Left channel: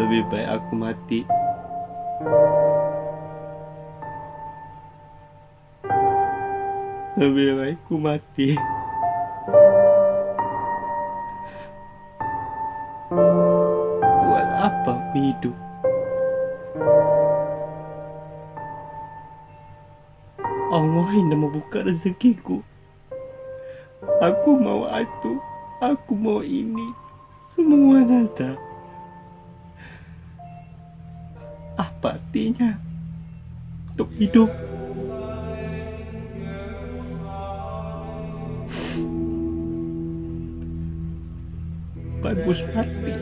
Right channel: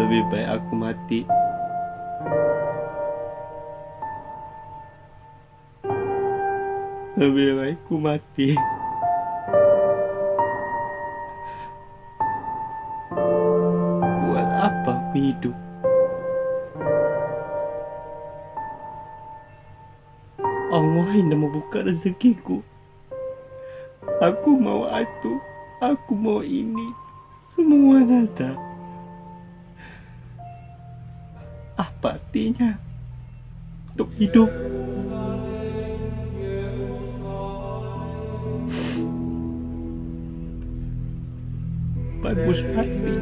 Lebih baik aku mati. Lebih baik aku mati. Buat apa aku hidup? Allah yang membuka rezekiku. Aku mau itu, aku mau ini, semua ada. Apa artinya untuk hidup? Bagus hati.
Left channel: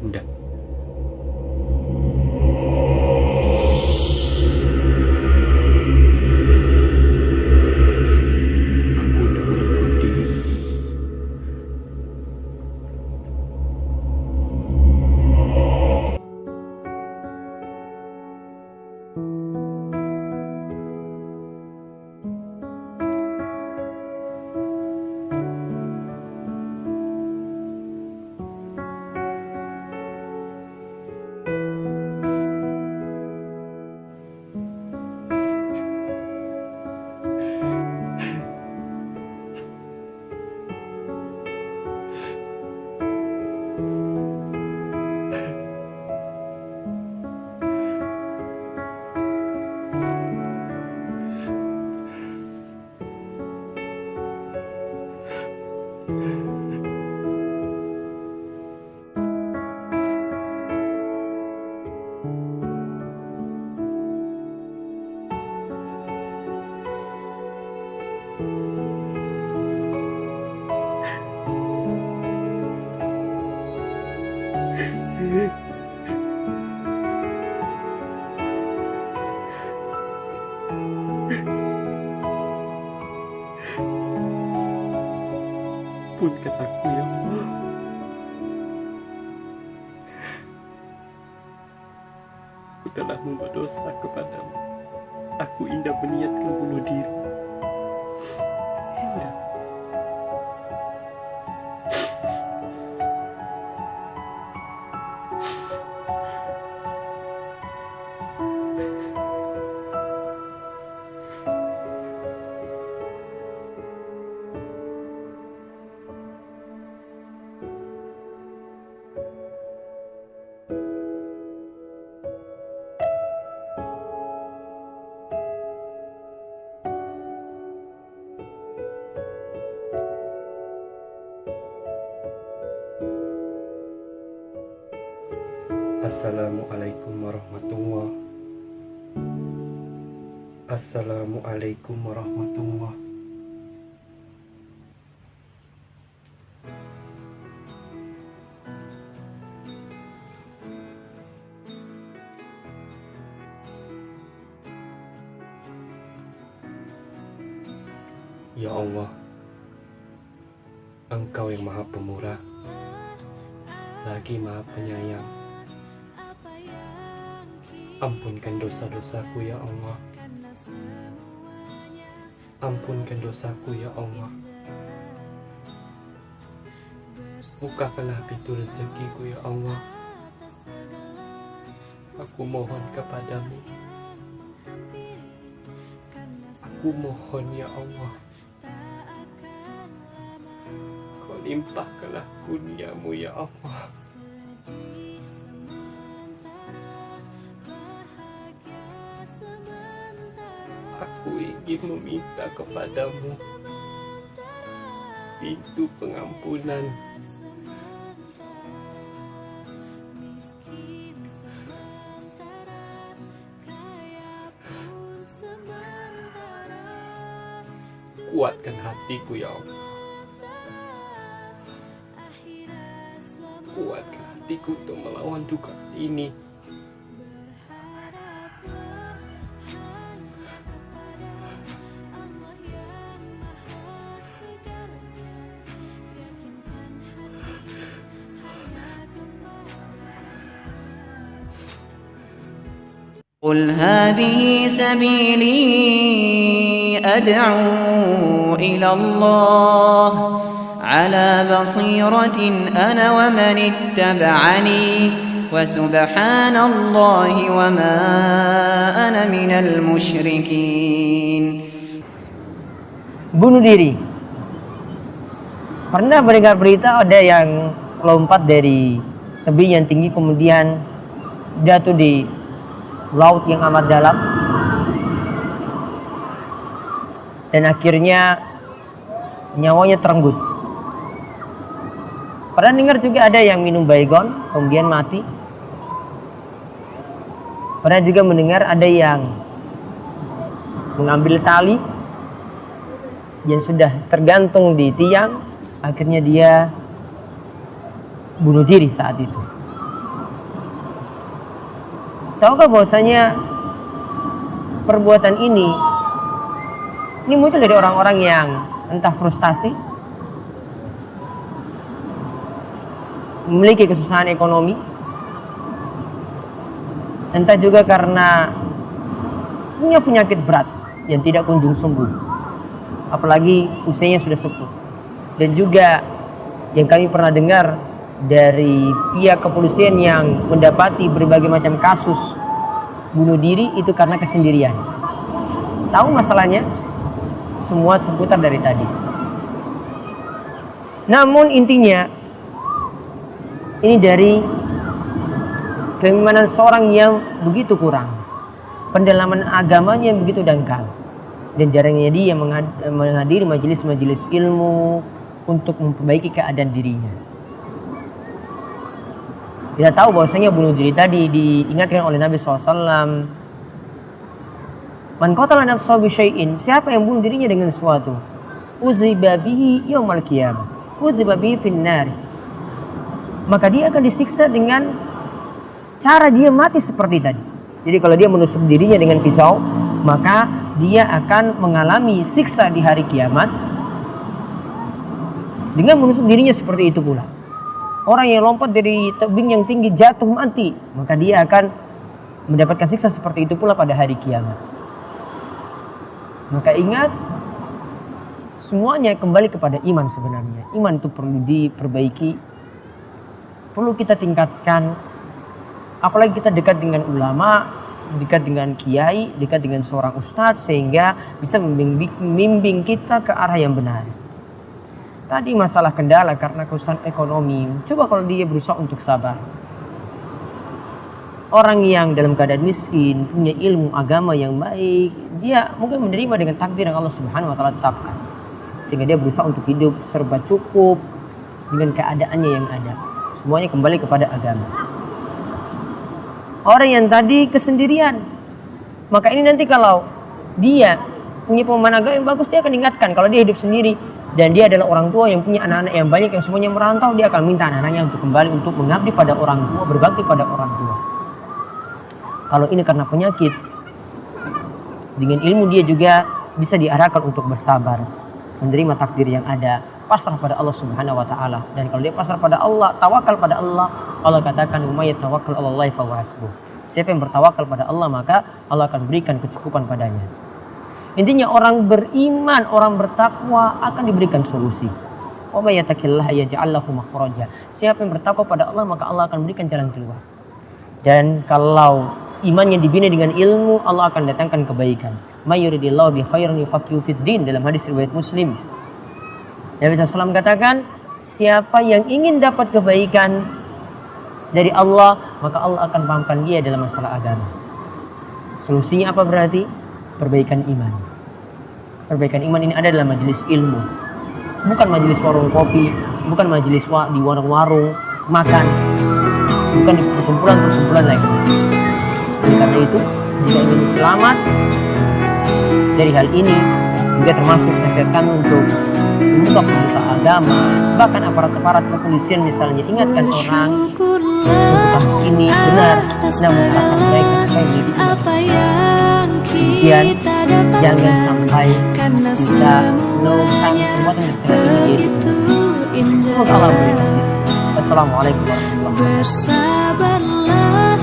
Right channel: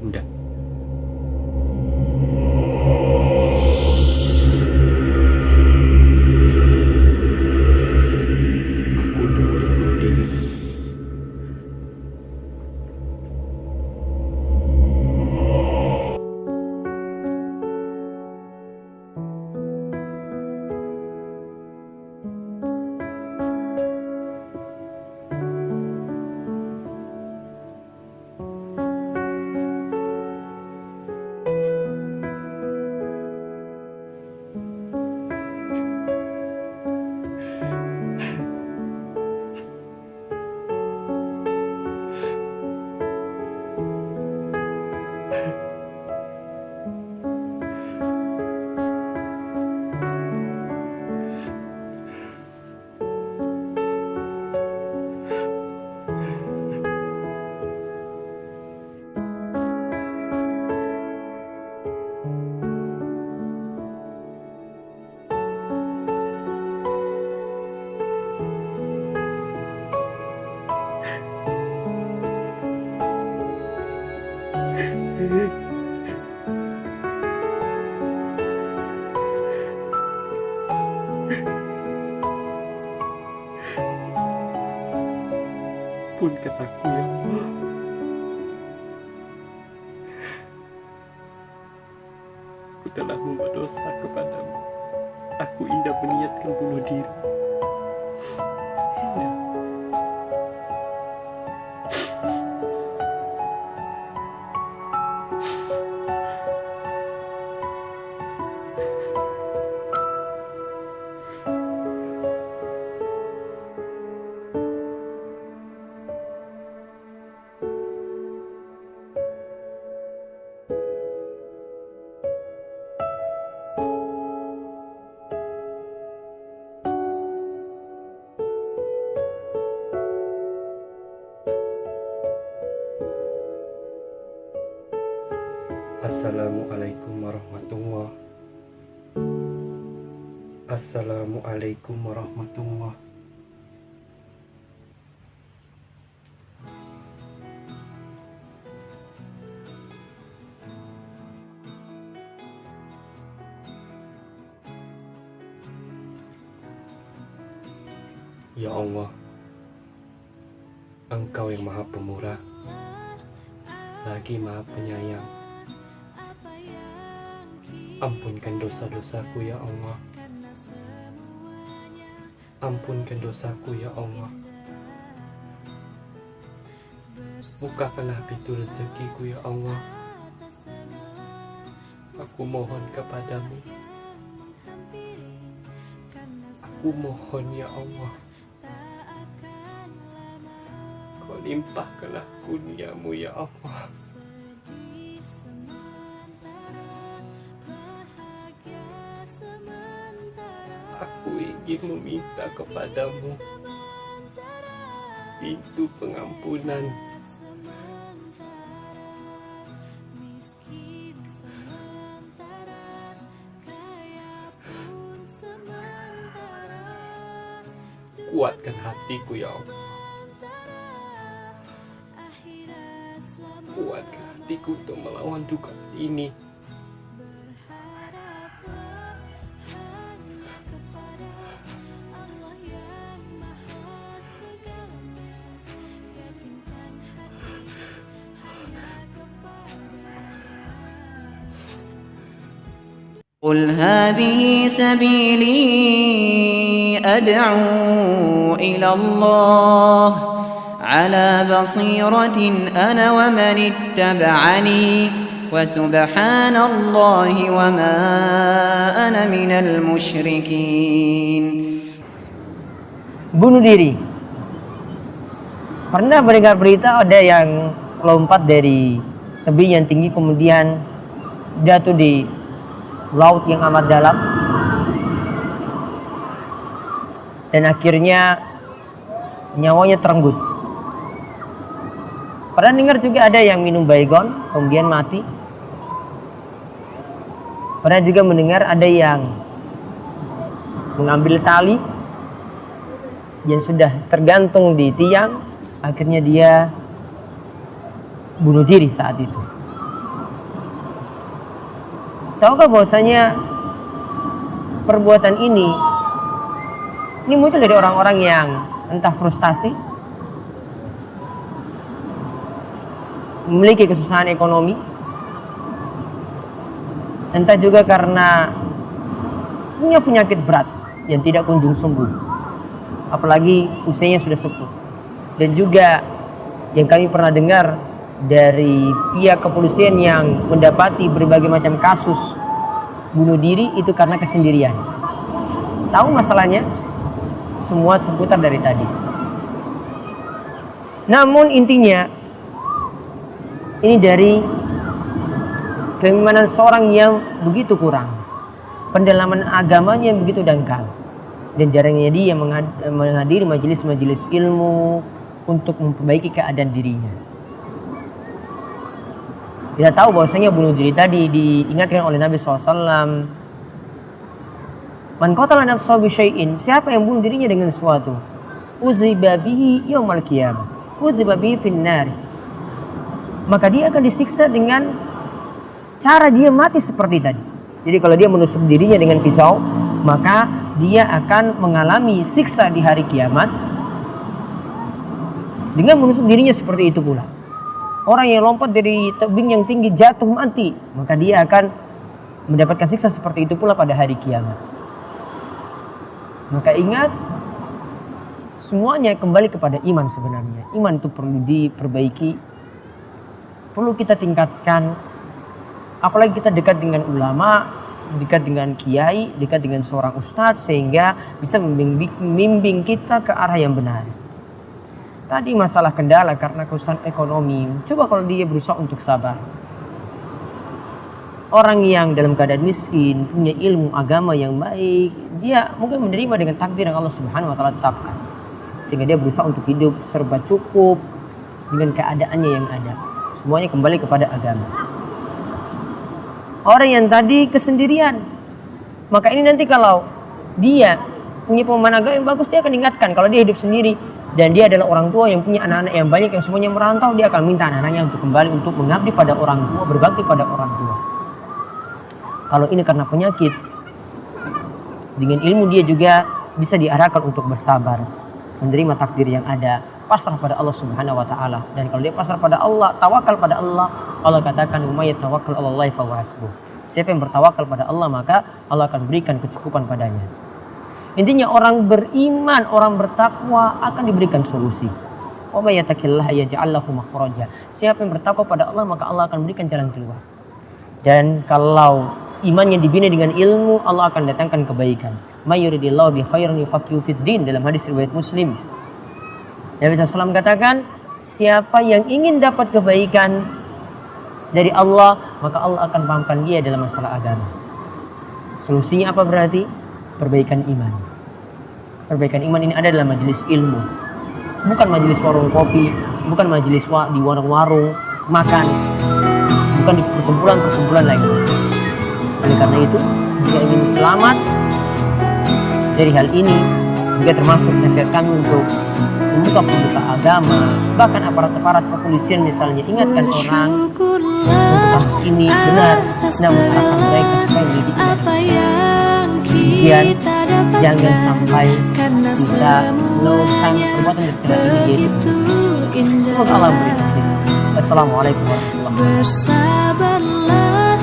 Indah. Aku udah mulai bunuh diri. Ampunkan aku ya Allah. Aku telah membuat dosa kepadamu. Aku Indah meniatkan bunuh diri. Indah. Assalamualaikum warahmatullahi. Assalamualaikum warahmatullahi. Ya Allah, Engkau yang Maha Pemurah, lagi Maha Penyayang. Ampunkan dosa-dosaku ya Allah. Ampunkan dosaku ya Allah. Bukakanlah pintu rezekiku ya Allah. Aku mohon kepadamu. Aku mohon ya Allah. Kau limpahkanlah kurniamu ya Allah. Aku ingin meminta kepadamu pintu pengampunan. Kuatkan hatiku ya Allah. Kuatkan hatiku untuk melawan duka ini. قل هذه سبيلي أدعو إلى الله على بصيرة أنا ومن اتبعني وسبحان الله وما أنا من المشركين. Bunuh diri. Pernah mendengar berita ada yang lompat dari tebing yang tinggi kemudian jatuh di laut yang amat dalam dan akhirnya nyawanya terenggut. Pernah dengar juga ada yang minum baygon kemudian mati. Pernah juga mendengar ada yang mengambil tali yang sudah tergantung di tiang, akhirnya dia bunuh diri saat itu. Tahukah bahwasanya perbuatan ini muncul dari orang-orang yang entah frustasi, memiliki kesusahan ekonomi, entah juga karena punya penyakit berat yang tidak kunjung sembuh, apalagi usianya sudah sepuh. Dan juga yang kami pernah dengar dari pihak kepolisian yang mendapati berbagai macam kasus bunuh diri itu karena kesendirian. Tahu masalahnya? Semua seputar dari tadi. Namun intinya ini dari keimanan seorang yang begitu kurang, pendalaman agamanya yang begitu dangkal, dan jarangnya dia menghadiri majelis-majelis ilmu untuk memperbaiki keadaan dirinya. Kita tahu bahwasanya bunuh diri tadi diingatkan oleh Nabi SAW. Man qatala nafsahu bisyai'in, siapa yang bunuh dirinya dengan sesuatu, uziba bihi yaumal qiyamah, uziba bihi finnar, maka dia akan disiksa dengan cara dia mati seperti tadi. Jadi kalau dia menusuk dirinya dengan pisau, maka dia akan mengalami siksa di hari kiamat dengan menusuk dirinya seperti itu pula. Orang yang lompat dari tebing yang tinggi jatuh mati, maka dia akan mendapatkan siksa seperti itu pula pada hari kiamat. Maka ingat, semuanya kembali kepada iman sebenarnya. Iman itu perlu diperbaiki, perlu kita tingkatkan. Apalagi kita dekat dengan ulama, dekat dengan kiai, dekat dengan seorang ustadz, sehingga bisa membimbing kita ke arah yang benar. Tadi masalah kendala karena kesusahan ekonomi. Coba kalau dia berusaha untuk sabar. Orang yang dalam keadaan miskin, punya ilmu agama yang baik, dia mungkin menerima dengan takdir yang Allah Subhanahu wa taala tetapkan. Sehingga dia berusaha untuk hidup serba cukup dengan keadaannya yang ada. Semuanya kembali kepada agama. Orang yang tadi kesendirian, maka ini nanti kalau dia punya pemahaman agama yang bagus, dia akan ingatkan kalau dia hidup sendiri dan dia adalah orang tua yang punya anak-anak yang banyak yang semuanya merantau, dia akan minta anak-anaknya untuk kembali untuk mengabdi pada orang tua, berbakti pada orang tua. Kalau ini karena penyakit, dengan ilmu dia juga bisa diarahkan untuk bersabar, menerima takdir yang ada, pasrah pada Allah Subhanahu wa taala. Dan kalau dia pasrah pada Allah, tawakal pada Allah, Allah katakan may tawakkal 'alallahi fa huwa hasbuh. Siapa yang bertawakal pada Allah, maka Allah akan berikan kecukupan padanya. Intinya orang beriman, orang bertakwa akan diberikan solusi. Wa may yattaqillaha yaj'al lahu makhraja. Siapa yang bertakwa pada Allah, maka Allah akan berikan jalan keluar. Dan kalau imannya dibina dengan ilmu, Allah akan datangkan kebaikan. May yuridillahu bi khairin yufaqihu fid din, dalam hadis riwayat Muslim. Nabi SAW katakan, siapa yang ingin dapat kebaikan dari Allah, maka Allah akan pahamkan dia dalam masalah agama. Solusinya apa berarti? Perbaikan iman. Perbaikan iman ini ada dalam majelis ilmu, bukan majelis warung kopi, bukan majelis di warung-warung makan, bukan di perkumpulan-perkumpulan lain. Oleh karena itu, jika ingin selamat dari hal ini, juga termasuk nasihat kami untuk pemuka-pemuka agama, bahkan aparat-aparat kepolisian misalnya, ingatkan orang untuk kasus ini benar, namun harapan mereka supaya menjadi iman. Kemudian jangan sampai kita melakukan perbuatan tercela ini, yaitu semoga Allah memberi taufik. Assalamualaikum warahmatullahi wabarakatuh. Bersabarlah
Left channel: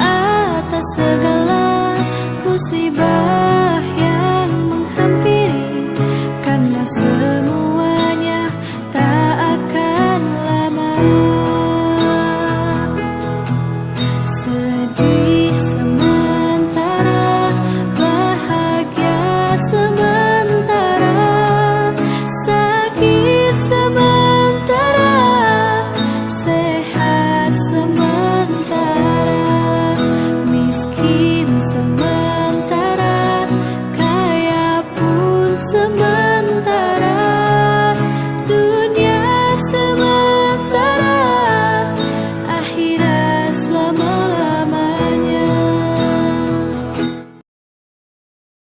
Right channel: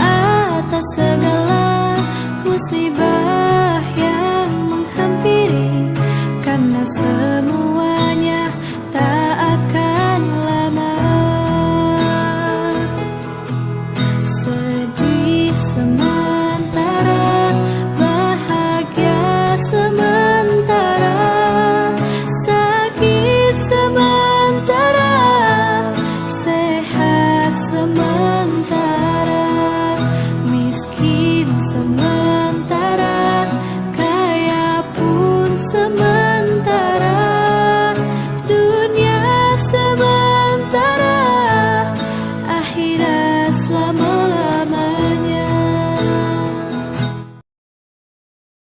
atas segala musibah yang menghampiri, karena